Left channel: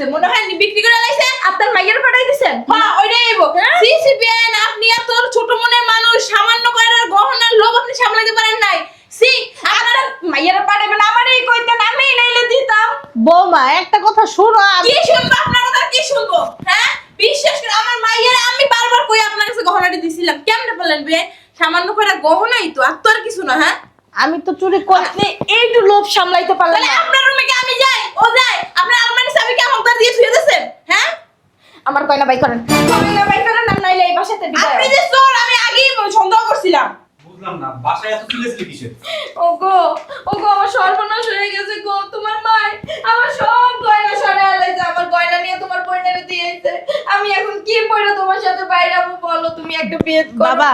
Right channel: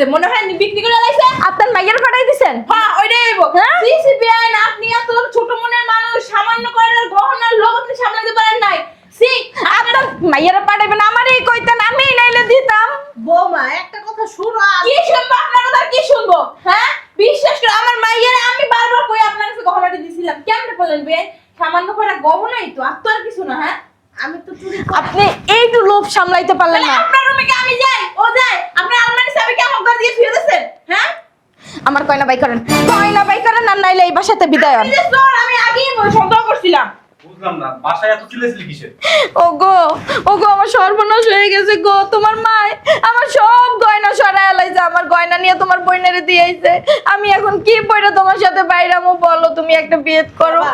করছে মনে হয় বিক্রি করে লাইছে। আপনার মাইয়ার পাঠাই দিছেন? হ্যাঁ ওইটাই আইবো। সিসি বিয়ান আপনি এত ছোট মনের মানুষ, সামান্য কয়টার গহনার লোভ আপনি সামলাতে পারেন নাই। সি আপনার মাইয়ার পাঠাইবেন আমারই কইতেন, আমি লাইলে দিতাম। বৌমা একটা কথা শুনো। কি শুনবো আপনার কথা? কি শুনবো? হ্যাঁ বিশ্বাস করে আমার মাইয়ার আমি বারবার কই আপনার কাছে গহনাটি দিছিলাম, কেমনে বলেন বে? সামান্য কয়টা গহনাই তো, আর তো আর কিছু না। হ্যাঁ আমি তো চুরি করি। আপনি একটু লোভ সামলাইতে পারলেন তাহলে না। আপনার রুমে কি আমি যাই, ও যায়? আপনার আলমারির চাবি কি আমার দিয়ে শুয়ে দিয়েছেন? হ্যাঁ আমার কয়না বাই করেন, কয়না বাই করেন, আর নাইলে এই বাসাতে বিদায় আপনি হন। যে চোর আমি আগেই সন্দেহ করছিলাম। বুঝলাম না, বাসায় এত চিল্লাচিল্লি কিসের? ওগো ওগো আমার সর্বনাশ হয়ে গেছে গো। তোমার মা আমার সব গয়না সরাই আলাইছে, আমার গয়না নিয়ে তোমার বইনারে দিয়েছে। আমি এখন কি পড়ে তোমার সাথে বাইরামু বলো? তুমি একটা বিয়ে করো। বাবা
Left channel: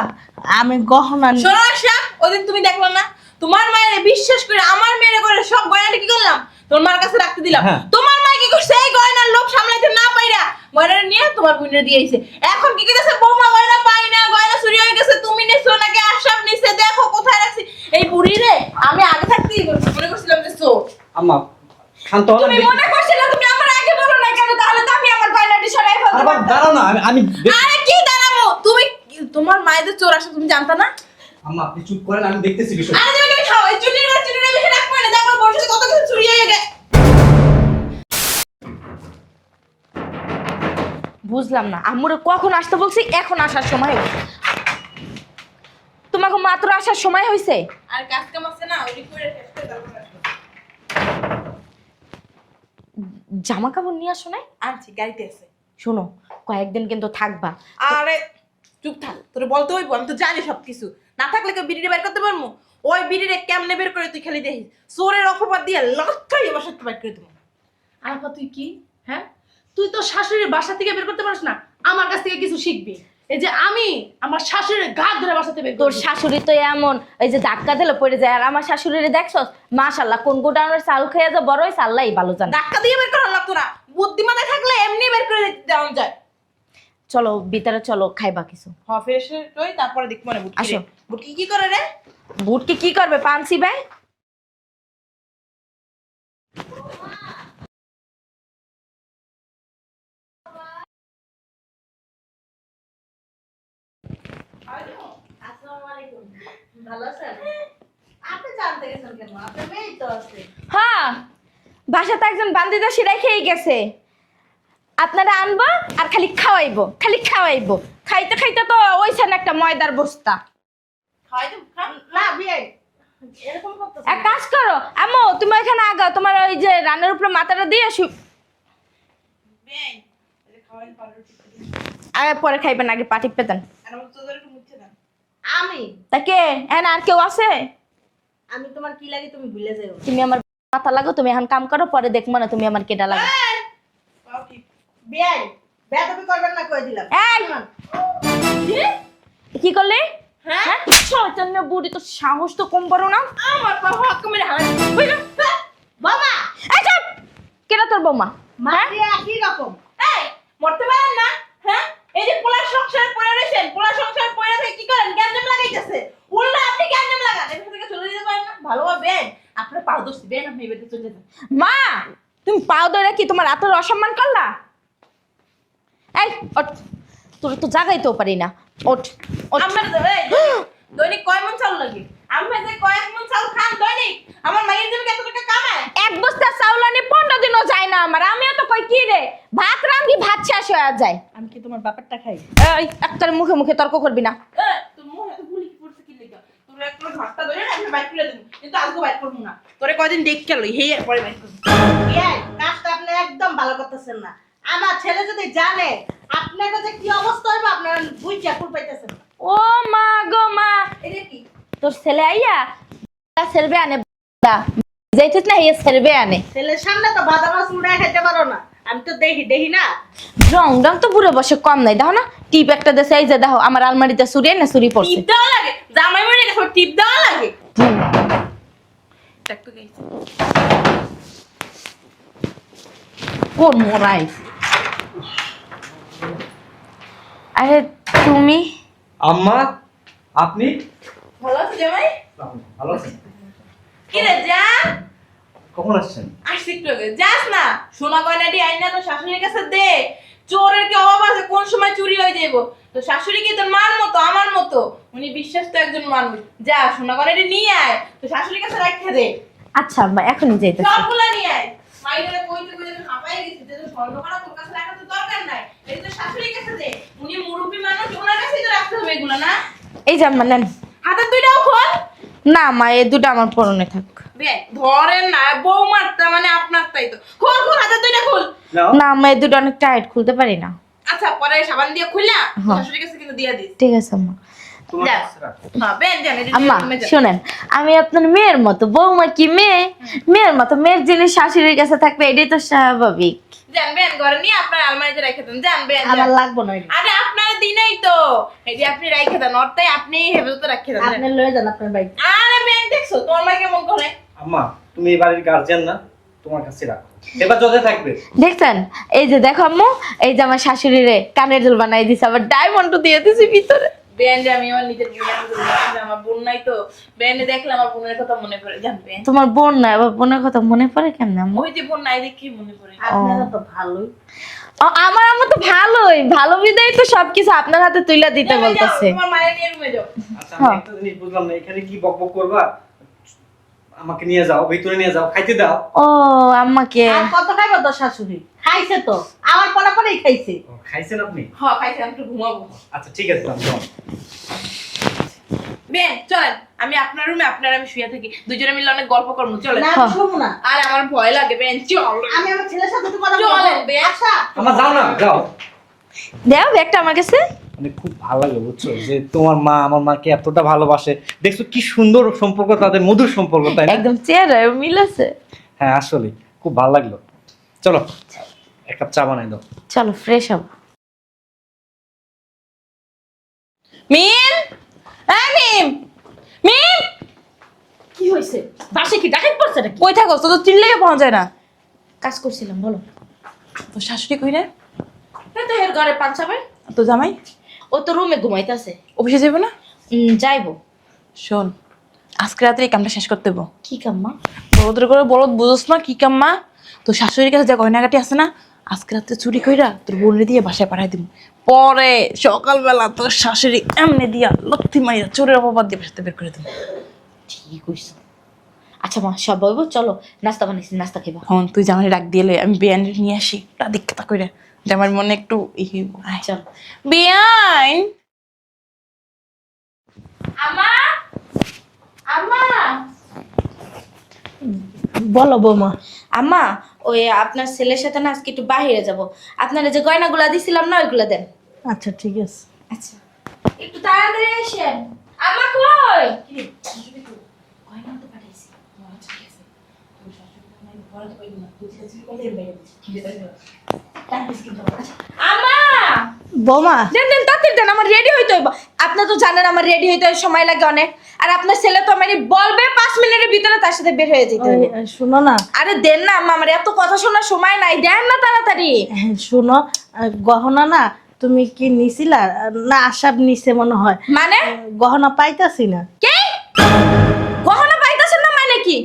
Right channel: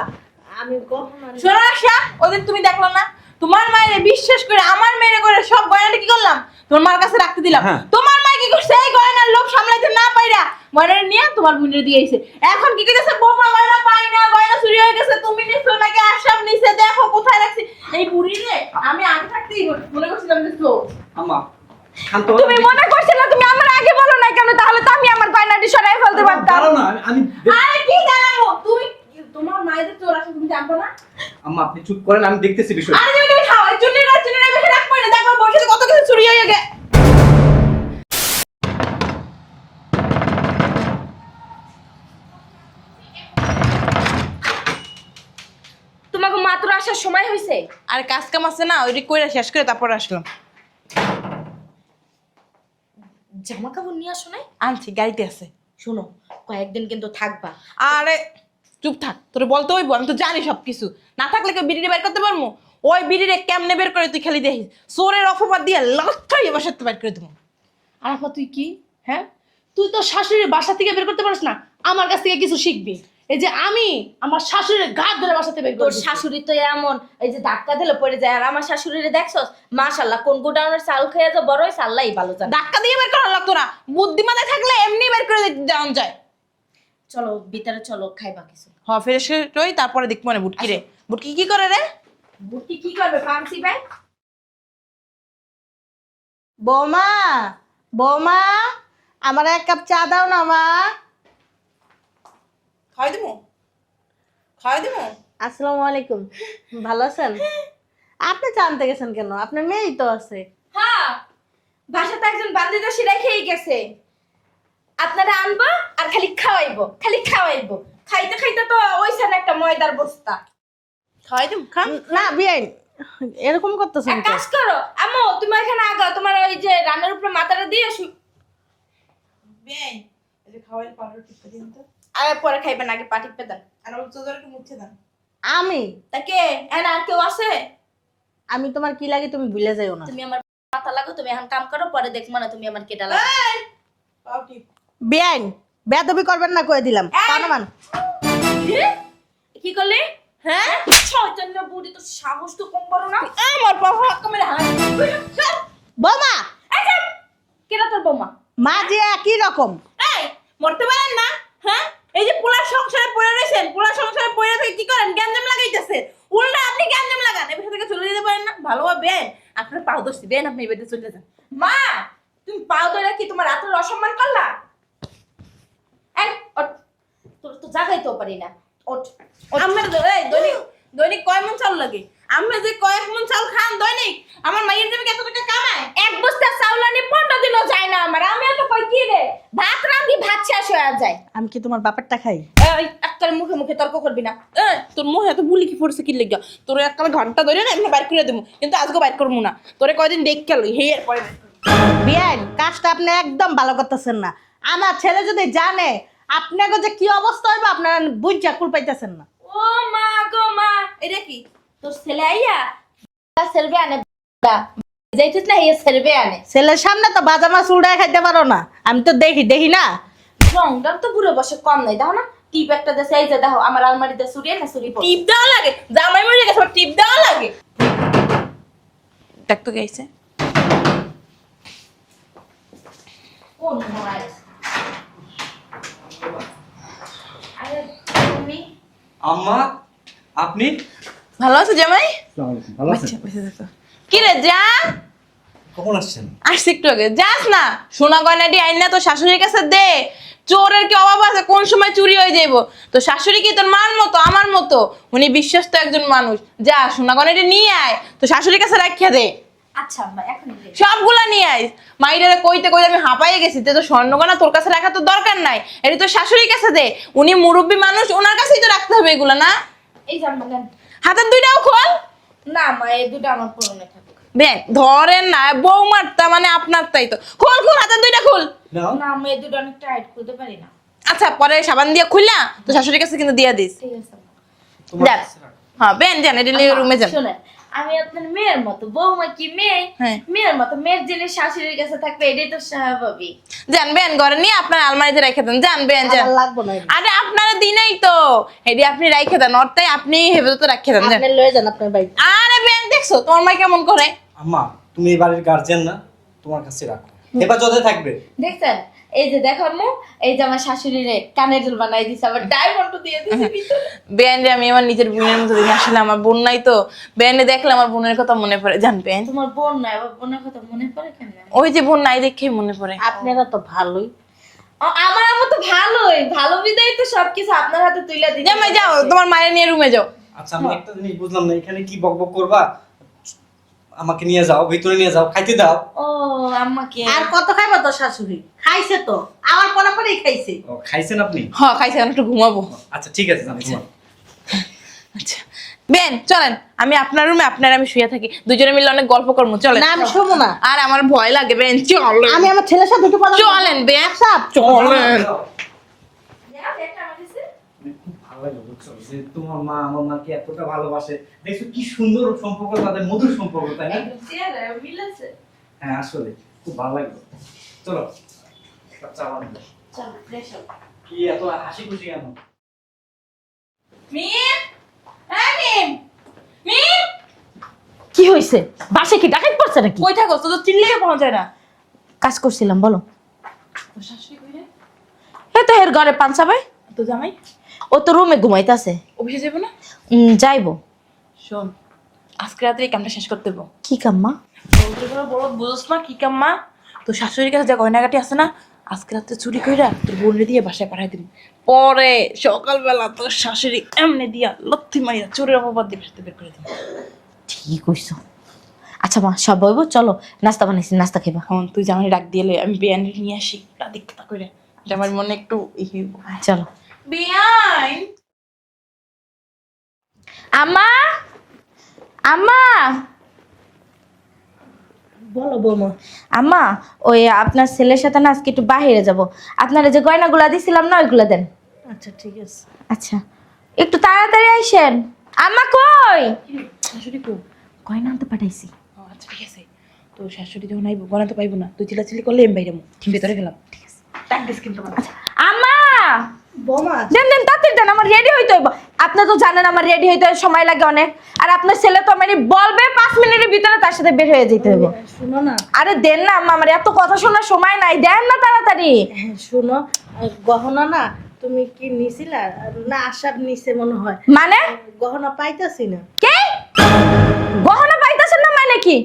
আমি গহনা শোনো আশা, ওদিন তুমি দেখলো না তোমার মায়ের বিশ্বাস করে আমার মেয়ের করে সব গয়নাটা কি করলাম তোমার মার কাছে রাখতে দিলাম। হ্যাঁ। তোমার মা কি করছে? এই গয়নার লোভ সামলাইতে না পাইরা গয়নাটা নিয়ে তোমার বোনের দিয়ে আইছে। এখন কি কইতেছে বৌমা গয়না পাই না, গয়না চুরি হয়ে গেছে, তুমি নিছো নাকি আশাব নিছে, দেখো কোথায় রাখছি। এই বুড়ি রে আমি আগে থাকতেই মনে করছিলাম যে চোর। আম্মা শান্ত হও। তুমি মনে করছিলে তুমি আমার আগে বলো না কেন? তাহলে তো আমি আমার গয়নাটি সরাই ফেলতে পারতাম। দাঁড়াও না, আমি আরে কি দাঁড়াবো? তুমি তোমার মায়েদের চোর আসে তুমি জানতা না? আম্মা আপনি চুপ করেন, আমি দেখতেছি বিষয়। আরে তুমি খাও, এই চুনির বেশি রাখবো না, দেখো বসে কত কিছু চুরি হয়ে গেছে। বুঝলাম না, আম্মুরে কখন আসতে বলছি, এখন আসার সময় হয়েছে। তোমাকে মাত্র আসার সময় হয়েছে। আর কাজ কাম আছে না, ওইটা কইরা শেষ করে তারপর আসলাম। জামা কাপড় নিয়ে আসো নাই? আনছি, গাড়িতে আছে। শোনো, কয়েকদিন কিন্তু থাকবা। আরে চুপ থাক, তোর বলতে হইব, আমি তো জানি সবকিছু। না থাকলে কেউ বিড়িরে বের করতে পারবো? ওই বিড়িরে কেমনে বের করে তুই খালি দেখিস। চোরের অপবাদ দিয়ে লক্ষাই বসাতে বের করে দেবো। আরাফা তুই কি? হ্যাঁ তুই তো শাশুড়ির বাসা থেকে বের করতে পারিস না, আমার কাছ থেকে কিছু শিখবি। এই যে আমি আমার শাশুড়ির ঘাট ধরে বাসাতে বের তোর করব। শাশুড়ি তো এমন, এই যে ধাক্কা দিলে পড়ে যায়। আর আমার শাশুড়ি দেখছস, মাশাআল্লাহ, কোন গুডাউনের চাল খেয়ে যা বড় হইছে আল্লাহই ভালো জানে। ধাক্কা দিয়ে বের করা লাগতো না, বুদ্ধিমাতায় থাকলে এমনি বের করে দেওয়া যায়। চলো ভিতরে চলো, খাইবা কিছু। হ ফ্রেশ হই, তারপরে দেখবো না বুটকি রে। আসো। বুটকি কি করে রে? বুটকে কি করবে ফান্সি ভাই? বৌমা বৌমা আমার এক কাপ চা দাও না মা। খাওয়াই দিবো, খাওয়াই দিবো। আসসালামু আলাইকুম, ভালো আছেন? আপনি চা আনতে গেছেন কেন? আপনার মেয়েই তো আছে। হ্যাঁ, বাসাতে একজন বান্দিদাসী রেখেই গেছে। আপনারা আনবো আর খালি খাওয়াইবো, খালি খাওয়াইবো। খাইতে খাইতে তো ওইখানে একটা ময়দার বস্তা। খাওয়াই দিবো, খা। না বিয়ে এরকম করতেছেন এক কাজ করো আম্মু, তুমি এখানে আগাও, তোমার ওই যে রানের উপরে মাথাটা দিয়ে বেই, এই যে খাওয়াইলে পাউডার টিপে দিন। পরে খাইবেন, আগে পা টিপে দেন। আর ওর চোদর একটু মুছে দেন। আমি তাকে আর কেউ আছে? আমি তোমার কি লাগে তুমি ভুলে যাও না। তুমি আমার মাথা লাগো, তুমি এখন কাম করো, পরে দেখবো না তুমি আমার কেটা লাগো। পাও টিপ। বিয়ে বেদবি করবেন না কয়ে দিলাম। এই! পানমান। কি করলে? হ্যাঁ শয়তানের বুড়ি, তো সাহস তো কম বড় না। আমার বাবা কমরে হাত। বৌমা আচ্ছা, কেটা তোর বৌমা? মা যে একই রকম। এই মরতে পারেন না? হ্যাঁ এই যে পোলার সংসারে পড়ে রয়েছেন, পোলার সংসারে পড়ে থেকে কি করেন? গ্যাঞ্জাম লাগাইতেছে। উল্টা আপনি গ্যাঞ্জাম লাগান, এবার থেকে চলে যেতে পারেন না? ভালোভাবে আপনার পাও দোষী দেন, আপনি এবার চলে যান। মা, তুমি পাও ধরে কি তোমার এত অসম্মান করলা? এই ওঠ, তোর তো জাগাইতেও পারি না। ওঠ ওঠ। আমরা দৈনিক কয় মন চাল লাগে? আমরা যে কয়েক মন চাল খান দৈনিক, আমার মায়ের দেবে কত টাকা কামায়? এক বস্তা চাউল আনি 15 দিনও যায় না আমার। আমি তো কই কি রে, ভাত রাঁধি ভাত শেষ হয়ে যায়। আমি কি তোমার বাপেরটা খাই? এই একটার মুখে মুখে তর্ক করবি না। তোর মুখে এত বুলি কি পড়ছে কি লেগা? তোর এককাল ঘন্টা ধরে না এমনি বাইর করে দেবো, কিন্তু আজকে বাইর করবো না। তোরে কয়দিন দেখ খেলো, হে এর পরে বাইর করবো। বিয়ে কাজটা আপনি একদম ভালো করতেছেন না। আমার ছেলে যদি জানে আপনাকে যে কি অবস্থা হইবে আপনার বুঝা কুল পাইতেছেন না। ও মা গো মা, এটা কি? তোর ছেলে আইয়া সেলবে আনে যাইছিস না, হে সেলবে আনে। ছেলের সামনে তো বাজা মাছ উড়ায় খাইতে পারো না। আমি তো দেখি না। রং রং তো পুরো বসে কম নাই, দেখো না টিপ একটা দেশে। এই যে দেখো আমার আলমারিতে চুরি না চুরি পড়ছে। টিপ দেওয়া লাগে? জামাই মরে গেছে, টিপ দেওয়া লাগে? দেখ তো গেছে কোন মোরাই? আরে তুমি আম্মা আপনি ভালো আছো জামাই? ভালো আছেন? কি রে যা, কখন আসছেন? আসছি একটু আগে। যাস না, সোনা গয়নাটি আইন না তো শাশুড়ির কাছে দে। চোরের কি অভাব আছে, কোন সময় চুরি হয়ে যাইবো। তো শাশুড়ি কি তোর মার মতো, আমার মতো? উনি বিশ্বস্ত একজন মানুষ। যা সোনা গয়নাটি নিয়ে আয়, তো শাশুড়ির কাছে রাখিয়া দে। আচ্ছা আম্মা এখনই যাই। সবগুলা নিয়ে আয়। মাইরে কইতে কইতে আমি হাঁপাইয়ে গেছি। তো স্বর্ণগয়না তোর কাছে রাখা তো দরকার নাই, এটা তো শাশুড়ির কাছে দে। উনি মুরব্বী মানুষ, ওনার কাছেই তো রাখতে হবে এগুলা, না? এই যে আম্মা নেন। হাতের দুইটাও খোল। না মা, এই দুটো আমার পরনে থাক। দেখ ধরেন না, বউ মারতা মানে আপনার তাই তো। খোল খোল, হাতের দুইটা খোল। নাও। না আম্মা, এই দুটো অনেক টাইট, খুলতে পারি না। আচ্ছা পরে সাবান দিয়ে খুললা তো শাশুড়ির কাছে কিন্তু দিয়া দিস। ঠিক আছে আম্মা। তোমার যাক। কাছে রাখো। হ্যাঁ বেন জান, এটা নিয়ে আম্মা, রুমে যান। শোনেন, আমি আপনার মেয়ের মতো, বৌমা কি মেয়ে? হ্যাঁ। মেয়ের মতো, মেয়ের জিনিস শাশুড়ির কাছে থাকবে, এটাই তো স্বাভাবিক। যান বেন, ঘরে নিয়ে আপনার আলমারিতে রেখে দেন। যান বেন যান। আমার লাগবো না এগুলো। আরে আপনার দিনই তো এডি আপনি রাইখে দেন, অর্থাৎ আপনি হেফাজতে রাখে দেন। যান। আপনি লয়ে যান আপনার বাইক। আরে বেন দেখছো তোমার মা কেমন করে? আম্মা তুমি এই বাড়ির গার্জিয়ান না, তোমার কাছে রাখো, হেফাজতে থাকবে। দেখছেন, এই যে দেখো আম্মু, এই যে আমার শাশুড়িরে কানের দুল বানাই দিছে, আবার ডায়মন্ডও দিয়ে দিছে ভিতরে। বেন যে আমি আমার নিজের বোনের মতো দেখি, আসলে আমার বোন নাই তো। বেনে দেখলে আমার বোনের কথা মনে পড়ে। জান বেন, তোমার বোন না, আবার বোনের কথা মনে পড়ে কেমনে আম্মু? ওই যে বোন নাই দেখে মনে পড়ে। আপনারা তো ভালোই। আমার আম্মু তো ভালোই, ভালো বিদায় তো সবকিছু আপনার হাতে তুইলা দিতে যাও যাও, বলতেছে। তোমার মায়ের নিয়ে রুমে যাও। আচ্ছা আমি একটা জিনিস বুঝলাম না, এখানে কি বকবক করবা? আমাকে নিয়ে যাও, ভিতরে নিয়ে যাও, খাইতে দাও। ও আম্মাকে আর কত খাইবা তো শাশুড়ি? খাইছে তো, আমার পড়া পরেই খাইছে। ও, খাইছেন আপনি? হ্যাঁ খাইছি, আমি একটু ঘুমাবো। আচ্ছা ঠিক আছে আমি যাবো। আচ্ছা। বেন চলেন, আমি আপনার রুমে আপনার আমি শুয়ে থাকি, দুজনে মিলে অনেক গল্প করবো। চলেন। না আমি শুনবো না। আর আমার ভয় লাগে বেন, চলেন। আমি আমার ছেলের সাথে একটু কথা বলবো। চলেন বেন। আচ্ছা যাও, যাও। দাও ব্যাগটা আমার কাছে। মানে খুব ভালো লাগে বুঝছো, যে তোমার মা আমার মাকে এতটা ভালোবাসে। দেখছো কি সুন্দর সম্পর্ক তাদের, মধুর সম্পর্ক, তাই না? একদম চেহারা মিল আছে। হ্যাঁ আসলে খুব ভালো লাগলো। চলো এক কাপ চা বানাই দাও। চলো ফ্রেশ হব। কি এত হাসি খুশি কেন? মিম, এই মিম, মিম, কি হইছে? বাসে কি ডাকাত পড়ছে নাকি? কই থাকো? তো চিনলে পাওয়া যায় না। কাজ করছিলাম, বলো। তো শাশুড়ি কই রে? এই তো এর ঘরে পাঞ্চা ভাই, তো জামাই ও তো রুমে ঘুমাইতেছে। অফিসে যাবো না? যাইবো। শোন, আজকে রাতে এই কামটা শেষ করতে দেবো। কি কাম্মা? ওদের করে বড় বুঝোস না কি কাম্মা? তো শাশুড়ির কাছে যা গয়নাগাটি আছে না, আজকে রাতে চুরি কইরা তোর বোনে দিয়ে বাসায় পাঠাই দিব। পরে সকালবেলা তোর শাশুড়ি এমনি দিয়া লত্থি মাইয়া চোরের অপবাদ দিয়ে বাসাতে বের করে দেবো। ঠিক কইছো। আচ্ছা মা, সব বইবো, চলো নাস্তা বানাইছি, নাস্তা খাইবা। হন তুই জামাই ডাক দিলে আমি বিয়ানি নিয়ে আসি, তা দীক্ষা কইরা জামার মনে একটু চলো। বিয়াই। আম্মা, আম্মা, বলো বৌমা। আম্মা, ওই আপনার ছেলের সাথে না আজকে একটু বাইরে যাব। আপনারা যে গয়নাগুলা দিছিলাম না, ওইগুলা দেন। আচ্ছা ঠিক আছে। আচ্ছা একটু তাড়াতাড়ি আসেন। আম্মা কই? শাশুড়ি কই? গয়না আনতে পাঠাইছি। আচ্ছা ঠিক আছে। তো শাশুড়ি যখন আইব বানাতে পাইবো না, তুই চিলাচিলি করলে আমি বাইরে ভিতরে গেলাম। ডাকদিস কিন্তু আমার। আম্মা, বৌমা দেন দেন তাড়াতাড়ি দেন, আমার রেডি হইতে হইব। আপনি তো জানেন আমার রেডি হইতে সময় লাগে অনেক। আর আপনার ছেলে তো মানে বলবে 5 মিনিটের ভিতরে তার সাথে বের হয়ে যেতে হবে। শুনো না, আরে দেন না আম্মা, আমার এত কথা শোনার সময় নাই, দেন না তাড়াতাড়ি। শুনো, গহনা না তুমি কি নিছিলা? না আশাব নিছে মনে হয়। মানে গহনা পাইতাছি না। কি গহনা পাইতাছেন না মানে কি?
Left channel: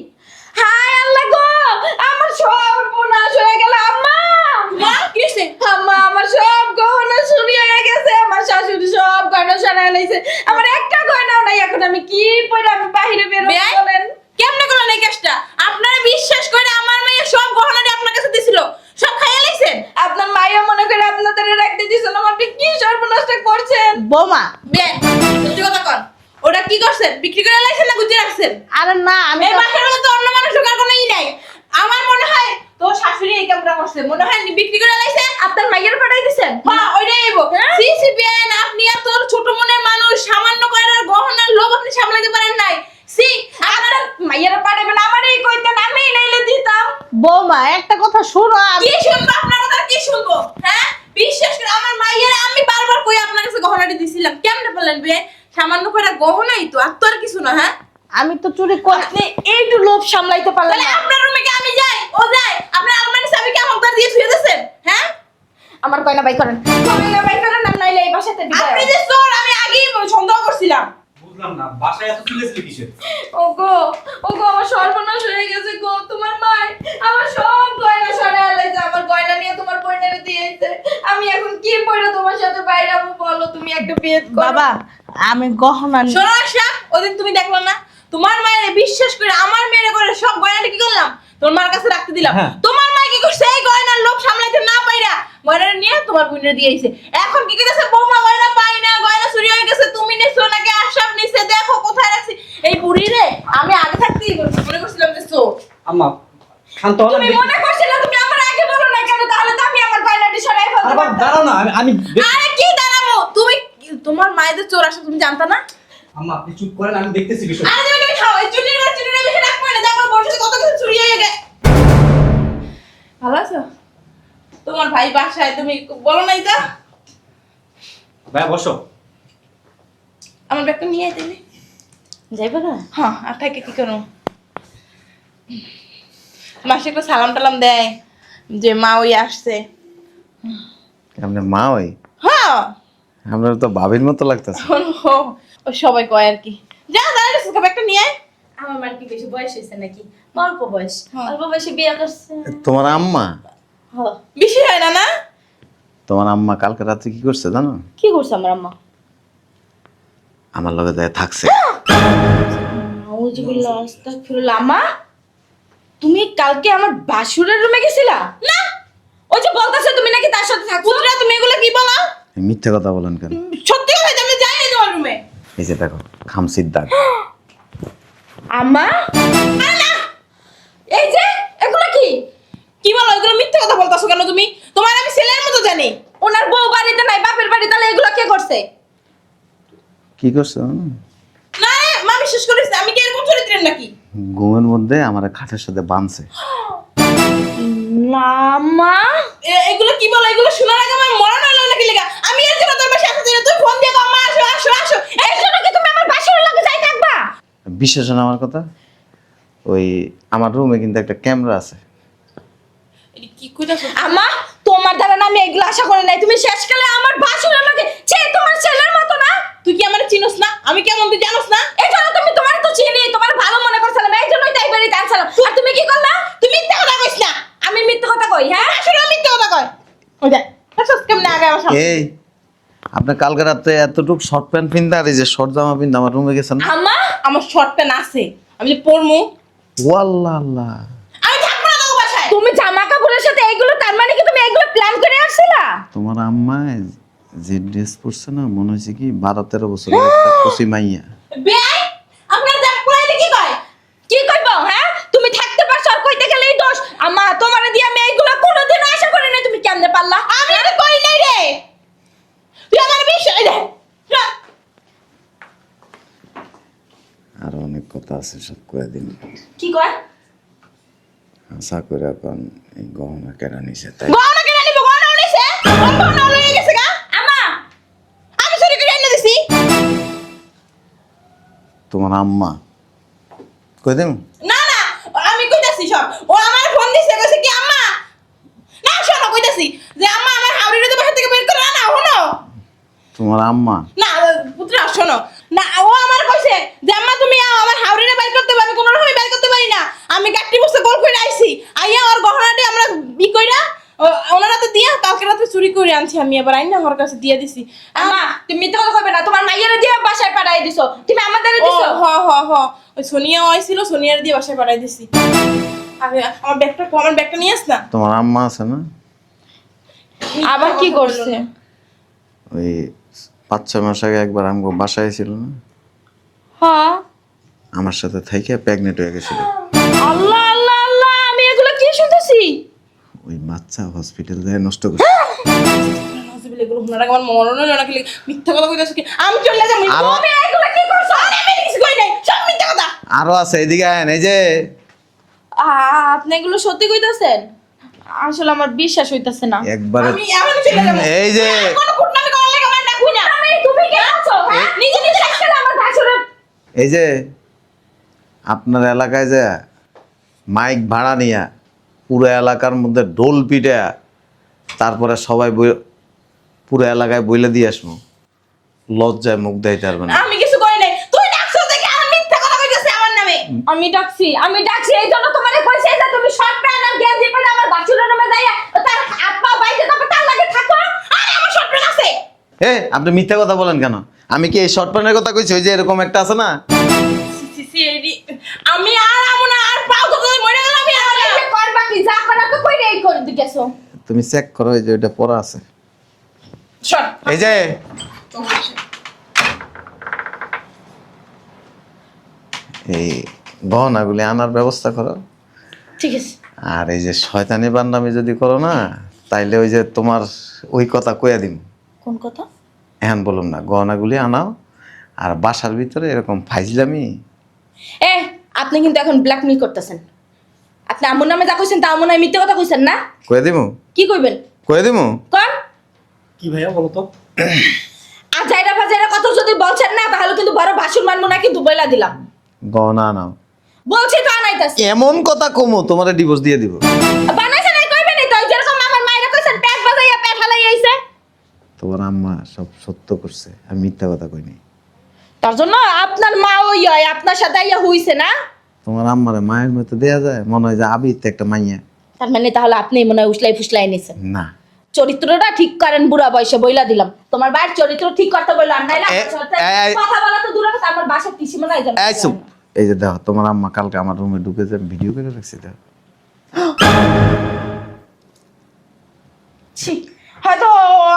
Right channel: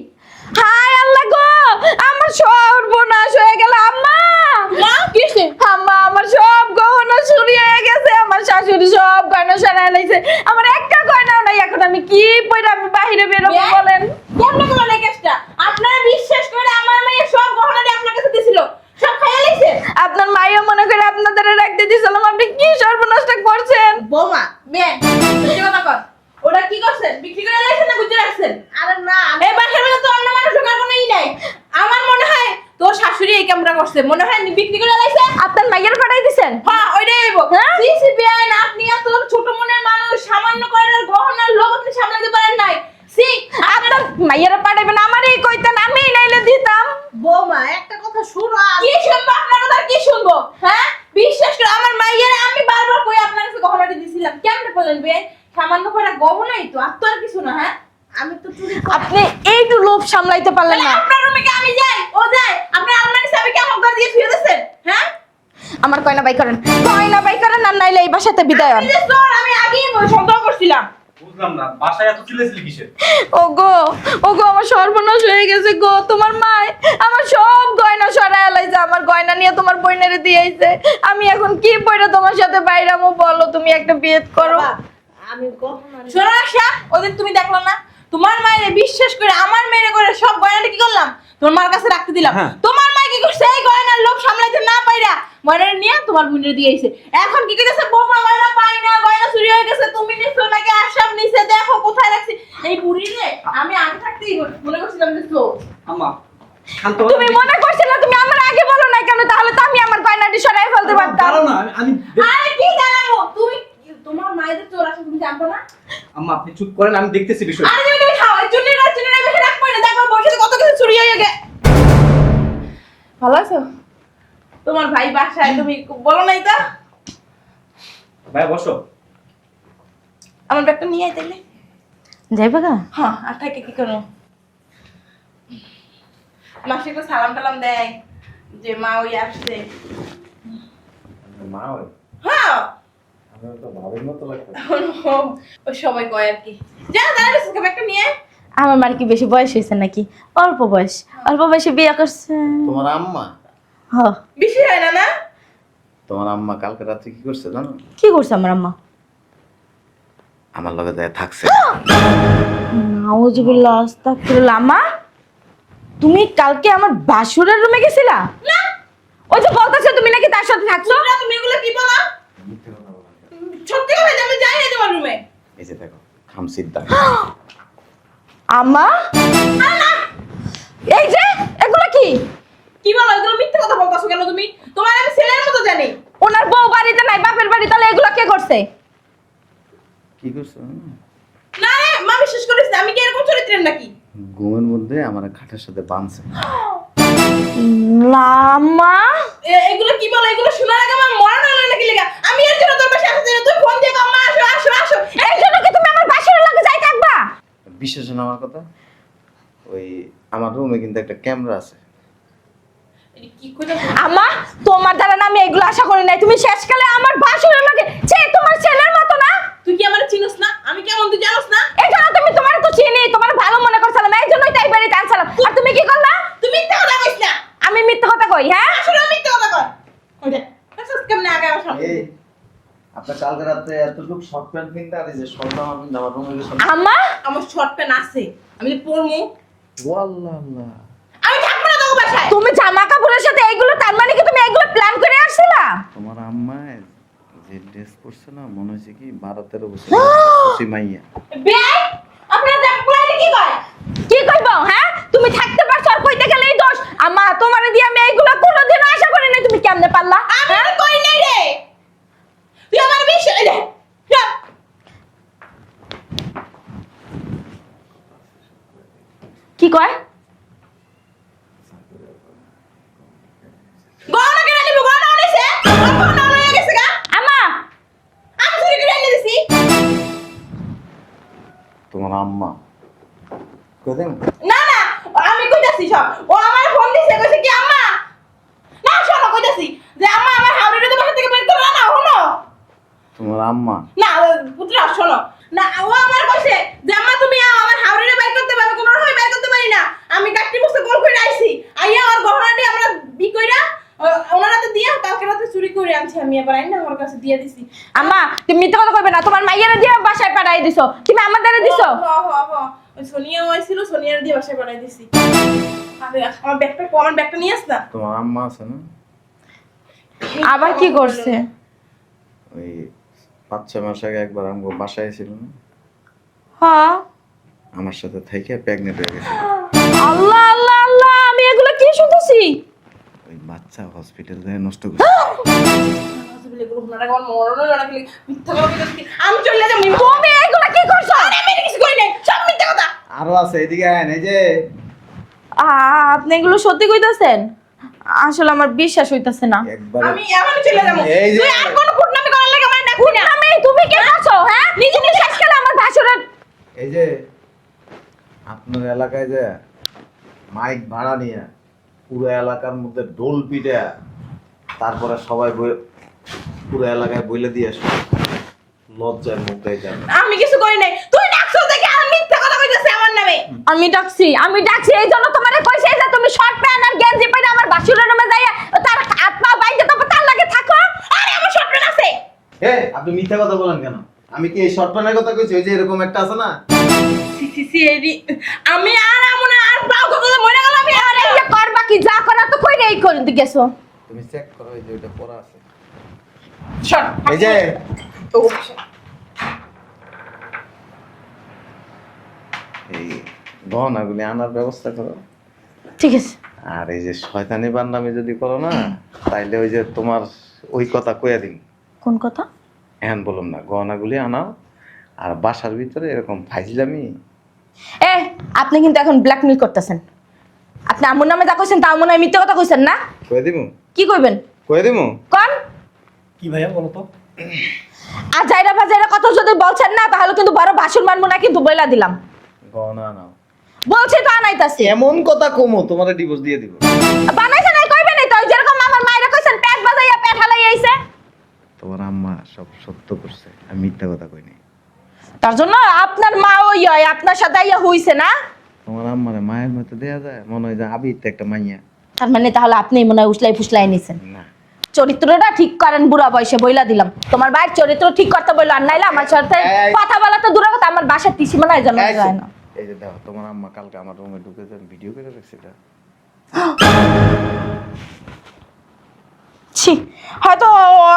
হায় আল্লাহ গো, আমার সর্বনাশ হয়ে গেল। আম্মা, মা কি হইছে? আম্মা, আমার সব গহনা চুরি হয়ে গেছে। আমার শাশুড়ি সব গয়না সরায় লাইছে, আমার একটা গয়নাও নাই। এখন আমি কি পরে আমি বাইরে বের হব বেয়াই? বলেন? কেমনে করলেন এই কাজটা? আপনারা বিশ্বাস করে আমার মেয়ে সব গহনাটি আপনার কাছে দিছিল, সব খাইয়া লাইছেন। আপনার মাইয়া মনে করে আপনাদের রাখতে দিছিলাম, আপনি কি সর্বনাশটা করছেন? বৌমা বেয়াই, সত্যি কথা কর। ওটা কি করছেন? বিক্রি করে লাইছেন না গুজে রাখছেন? আরে না আমি এই বাসার মধ্যে তো অন্য মানুষ ঢোকার কোনো ই নাই। আমার মনে হয় তোর শাশুড়ি এই কামটা করছে, মনে হয় বিক্রি করে লাইছে। আপনার মাইয়ার পাঠাই দিছেন? হ্যাঁ ওইটাই আইবো। হ্যাঁ? সিসি বিয়ান, আপনি আর তোর ছোট মনের মানুষ সামান্য কয়টার গহনার লোভ আপনি সামলাতে পারেন নাই। সি আপনার মাইয়ারা পাঠাবেন, আমারই কইতেন, আমি নাইলে দিতাম। বৌমা একটা কথা শুনো। কি শুনবো আপনার কথা? কি শুনবো? হ্যাঁ বিশ্বাস করে আমার মাইয়ারে আমি বারবার কই আপনার কাছে গহনাটি দিছিলাম, কেমনে বললেন বে? সামান্য কয়টা গহনাই তো, আর তো আর কিছু না। হ্যাঁ আমি তো চুরি করি। আপনি একটু লোভ সামলাইতে পারলেন তাহলে না। আপনার রুমে কি আমি যাই, ও যায়? আপনার আলমারি চাবি কি আমার দিয়ে শুয়ে দিয়েছেন? হ্যাঁ আমার গয়না বাই করেন, গয়না বাই করেন, আর নাইলে এই বাসাতে বিদায় আপনি হন। যে চোর, আমি আগেই সন্দেহ করছিলাম। বুঝলাম না, বাসায় এত চিল্লাচিল্লি কিসের? ওগো, ওগো, আমার সর্বনাশ হয়ে গেছে গো। তোমার মাই আমি এখন কি পড়ে তোমার সাথে বাইরামু বলো, তুমি একটা বিয়ে করো। বাবা আমি গহনা শোনো আশা, ওদিন তুমি দেখলা না তোমার মায়ের বিশ্বাস করে আমার মেয়ের করে সব গয়নাটা কি করলাম তোমার মার কাছে রাখতে দিলাম। হ্যাঁ। তোমার মা কি করছে এই গয়নার লোভ সামলাইতে না পাইরা গয়নাটা নিয়ে তোমার বোনের দিয়ে আইছে। এখন কি কইতাছে বৌমা গয়না পাই না, গয়না চুরি হয়ে গেছে, তুমি নিছো নাকি আশাব নিছে, দেখো কোথায় রাখছি। এই বুড়ি রে আমি আগে থাকতেই করছি, মনে করছিলাম যে চোর। আম্মা শান্ত হও, তুমি মনে করছিলে তুমি আমার আগে বলো না কেন? তাহলে তো আমি আমার গয়নাটি সরাই ফেলতে পারতাম। দাঁড়াও না, আমি আরে কি দাঁড়াবো, তুমি তোমার মায়েদের চোর আসা তুমি জানতা না? আম্মা আপনি চুপ করেন, আমি দেখতেছি বিষয়। আরে তুমি খাও, এই চুনিরা বেশি রাখবো না, দেখো বসে কত কিছু চুরি হয়ে গেছে। ভালো আছো? তোমার ভাই বাসায়, তুমি বলো নাই তা? ভাই বসো। আমার ব্যাগটা নিয়ে আয় তাইলে। যাইবা না? হ্যাঁ, আর থাকে কি করবো? মাসে একটা সালাম টালাম দেয় যে মা ওই আসছে। আপনার মা ওই হ্যাঁ আমরা তো ভাবির মতো লাগতেছে। ও সবাই কয় আর কি। যা দাঁড়ালে ব্যাগটা নিয়ে আয়। আমার মার কি বেশি বয়স হয়েছে নাকি? অল্প বয়স, অল্প বয়সে বিয়ে করছে। তোমার আম্মা হ, বেশি হয় না না? তোমার আম্মা কালকে রাত্রে কি করছে জানো? কি করছে আমার আম্মা? আমার লগে যায় থাকছে। নাউজুবিল্লাহ, আস্তাগফিরুল্লাহ। আম্মা তুমি কালকে আমার বাসুরের রুমে গেছিলা? না ও যে বলতেছে তুমি নাকি তার সাথে থাকছো। পুত্রা তুমি এগুলো কি বলা? মিথ্যে কথা বলেন কেন? সত্যি কথা আমি যাই না তোমার রুমে। এই যে দেখো খামসির দাগ। আম্মা এই যে এগুলো কি? কি বলো, এগুলো মিথ্যে কথা বলতাছো কেন তুমি? তোমার আমি ছেলের মতো জানি। ওনার বউ বাড়িতে নাই, বাপের বাড়ি, তাহলে এগুলো কে করছে? কি করছে জানো? না রে মা বিশ্বাস করিস না, আমি কি এরকম চরিত্রের নাকি? ঘুমের মধ্যে আমার খাটের সাথে বাঁধছে। না আম্মা, এগুলো কি বলো? এগুলো শোনার আগে আমার মরণ হলো নাকি লেগা? আমি এর জন্য তোর বাসায় আসতে তুই ফোন দিয়ে মা আসো আসো আসো। এর জন্য কি তুমি আমার বাসুরের লগে যাই থাকবা? বিশ্বাস হয় না আমার কথা? ওই আমার রুমে কিন্তু একটা ক্যামেরা আছে। কি কইতাছ? আম্মা তোমার দ্বারা না আমি এগুলো আশা করি নাই। তুমি শেষকালে আমার বাসুরের লগে ছে তোমার ছেলের মতো না। তুই কি আমারে চিনোস না? আমি কেমন তুই জানোস না? এই জন্য তুমি তোমার তো চিনি, তোমার ভালো মনে করছিলাম, এই জন্যই তো একবারই টানছিলাম। আর তুমি কি করলা? তুই মিথ্যা কথা কইস না। আমি মিথ্যা কথা কই? হ্যাঁ, আসলে মিথ্যা কথা কয়। ওই দেখ দেখছস কেমনে আগে আমার সামনে। এই আপনি কালকে রাতে এতটুকু শর্ট প্যান্ট পিনতে আর এই যে শর্ট জামা পিনতে আমার রুমে গেছেন না? আম্মা আমার শর্ট প্যান্ট আছে, আমি যে পরমু। ওয়াল্লাহ আল্লাহ, আমি থাকবো না তোর বাসায়। তুমি জামা কাপড়ের সাথে এগুলো, তার মানে কি তুমি এগুলো প্ল্যান করে আসছিলা? তোমার আম্মা যে ড্রেস পরছে না মনে হয়েছে কি 12-13 বছর একটা কচি মাইয়া। বেয়াই আপনার যা পুরাইলে কি কয়? কি করব? হ্যাঁ, তুমি থাকতে পারছো আর কইতে গেলেই দোষ। আম্মা তোমারে দিয়ে আমি এগুলো কোনোদিনও আশা করি না, তুমি কেমনে পারলা? আমি তো করি নাই রে। তুই আমার বিষয় রে। আরো অনেক কথা আছে, সব করে দিন। কি কয়? আশা করে এখন এই গহনা কেনা নিছে তাই। গহনা কেন নিব? গহনা আনিছে? গহনা নিয়ে গেছে গা? আম্মা আমি চুরি করে এনে দিছি। তোমার আম্মা কই দেন? না না আমি কইতাছি সব। ও আমার ফোন দিছে কইছে কি আম্মা? না শোনো কইতাছি যে আম্মা আমার হাওড়িরে তো বাসা থেকে বের করে না হনো। তোমার আম্মা না পুত্রা শোনো না, ও আমার কইছে যে আম্মা তুমি আমার হাওড়িরে বের করতে পারবে, কোনো রকমই বের করতে পারি না। আমি কাটটি বসে গোল করে আইছি, আইয়া ওর গহনাটি আমরা ই কইরা ওনার হাতে দিয়া কালকে রাতে চুরি করে আনছি। আমি এবার আইনা ওর কাছে দিয়ে দিছি। আম্মা তুমি মিথ্যা কথা কইবে না। তোমার মাইয়ারে দিয়ে বাসায় পাঠাই দিছো, তুমি আমার দ্বারা দিছো। হ হ হ ওই সোনিয়া আইছিল, সোনিয়ার দিয়ে বাসায় পাঠাই দিছি। আরে আমার ব্যাগটা নিয়ে আস না। তোমার আম্মা আছে না? আবার কি করছে? ওই 5-6 মাস আগে একবার আমগো বাসায় ছিল না, হ্যাঁ। আমার সাথে থেকে প্রেগনেন্ট হয়ে গেছিল। আল্লাহ আল্লাহ আল্লাহ, আমি এগুলো কি শুনতেছি? ওই বাচ্চা হসপিটাল যায় নষ্ট করছে। এগুলো আপনার আমার মরণ হলো নাকি মিথ্যা কথা কইতাছি কি? আমি চলে যাবো। তুমি এগুলো কি করছো? আমি কিছু কই নাই, সব মিথ্যা কথা। আরো আছে এদিকে আয়, এই যে আপনি এগুলো সত্যি কইতাছেন? আসলে আমার বিশ্বাস হইতাছে না। একবার আমি এখনই চলে যাবো। এই যে কোনো কুটনামি করার লাগি আমার ডাকবি না। তুমি কে আছো? হ্যাঁ, নিজে নিজে শেষকালে আমার ভাসুরের। এই যে আপনার এলাকায় যে মাইক ভাড়া নিয়া পুরো এলাকার মধ্যে ঢোল পিটে তারপরে সবাই পুরো এলাকায় বইলে দিয়ে আসবে, লজ্জায় মুখ দেখাইতে পারবে না। আমি কিছু করি নাই, তুই ডাকছস দেখি আর মিথ্যা কথা কইতাছিস আমার নামে। আমি ডাকছি এই জন্য তোমারে কইছি যে তুমি শর্ট প্যান্ট আর গেঞ্জি পরে আমার ভাসুরের রুমে যাইয়া তার হাত পা বাইতে তারপর তার লাগে থাকো। আপনি মিথ্যা কথা বলেন কেন? আমি কি এই শর্ট প্যান্টের কথা কইছি? ওই যে এরকম একটা আছে না, আমি আর আমু না, আর পাও তো মরে গেল, আমি আর এটা করবা কি? যা করার তো কইরাই করে গেছো। তুমি চেক করো, এই যে ওইটা পড়া আছে। সর। এই যে ও, এই গহনাগুলি আনার ব্যবস্থা করো। ঠিক আছে। আর এই যে শয়তানি বান্দামি যদি করো না, তাইলে ওই যে তোমার ওই কথা কয়ে দিন। কোন কথা? এখন বলুন না, গহনাগুলি আনাও। আর বাসার ভিতরে এরকম ফাইজলামি, আপনি কিন্তু এখন ব্ল্যাকমেল করতেছেন। আপনি আমুর নামে যা কইছেন তা মনে হয় মিথ্যা কথা কইছেন না? কয়ে দিমু, কি কইবেন? কয়ে দিমু। কোন? কি ভাইয়া বলো তো? আর যাইরা বাজাইরা কথা যদি বলছেন না, তাহলে কিন্তু বড় ভাষণ মানবো না, কিন্তু বইলা দিলাম। গহনা আনাও। বলছি তো আনাইতাছি। এমন কথা কমু তোমার ডিভোর্স দিয়ে দিব। বানাইছেন নাই কইবেন নাই তো, যেরকম আমার মায়েরা কইছেন পেট বাজাইয়া পেট হালাই আইছে। তোমার আম্মা সব সত্য করছে, আমি মিথ্যা কথা কইনি। তার জন্য আপনার মা ওই হয় আপনার সাথে ইয়া হইছে না? তোমার আম্মারে মায়ের মতো দেয়া যায়? মনে হয় যে আবির তো একটা মাইয়া। তার মানে তাহলে আপনি মনে হয় উসলাই ফুসলাই নিছেন। না, চরিত্রটা ঠিক করেন, বুড়া বয়সে বইলা দিলাম। তোমার ভাইয়ের চরিত্র ঠিক করতে বললো, আর নাইলে আমার সাথে কথা বলা তো দূরের কথা, আমার বাসার টিসি মনে হয় জানা এই চুপ। যায় না। এই যে দেখো, তোমার আম্মা কালকে আমার রুমে ঢুকে যে ভিডিও করে রেখেছে। দেখো, ছি, হয়তো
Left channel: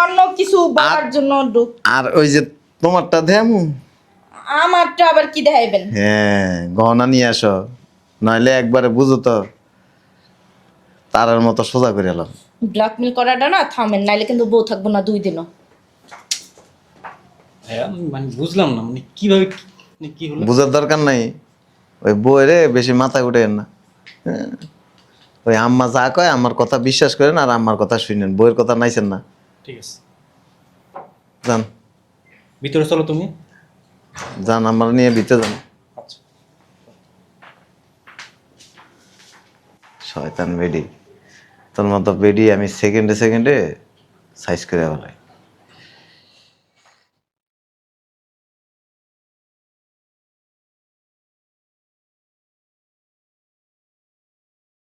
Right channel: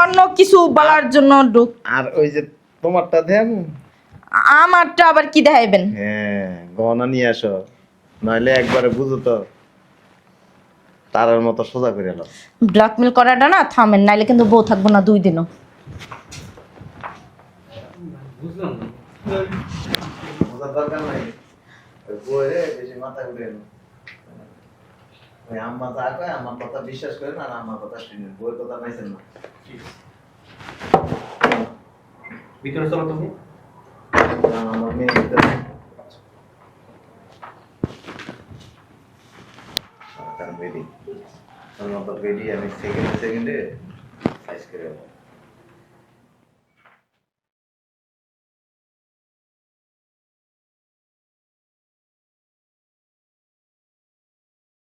অন্য কিছু বলার জন্য ঢুক। আর ওই যে তোমারটা দেমু। আমারটা আবার কি দেখাইবেন? হ্যাঁ, গহনা নিয়ে আসো, নইলে একবারে বুঝো তো তারের মতো সোজা করে এলাম। ব্ল্যাকমেল করাটা না থামেন, নাইলে কিন্তু বউ থাকবো না 2 দিনও। ভাইয়া মানে বুঝলাম না, মানে কিভাবে কি হলো? বুঝার দরকার নাই, ওই বউরে বেশি মাথায় উঠেন না। হ্যাঁ, ওই আম্মা যা কয় আমার কথা বিশ্বাস করেন, আর আম্মার কথা শুনেন, বউয়ের কথা নাইছেন না। ঠিক আছে, যান ভিতরে চলো তুমি। যান, আমার নিয়ে ভিতরে যান। আচ্ছা। শয়তান বেডি, তোর মতো বেডি আমি সেকেন্ডে সেকেন্ডে সাইজ করে বলাই।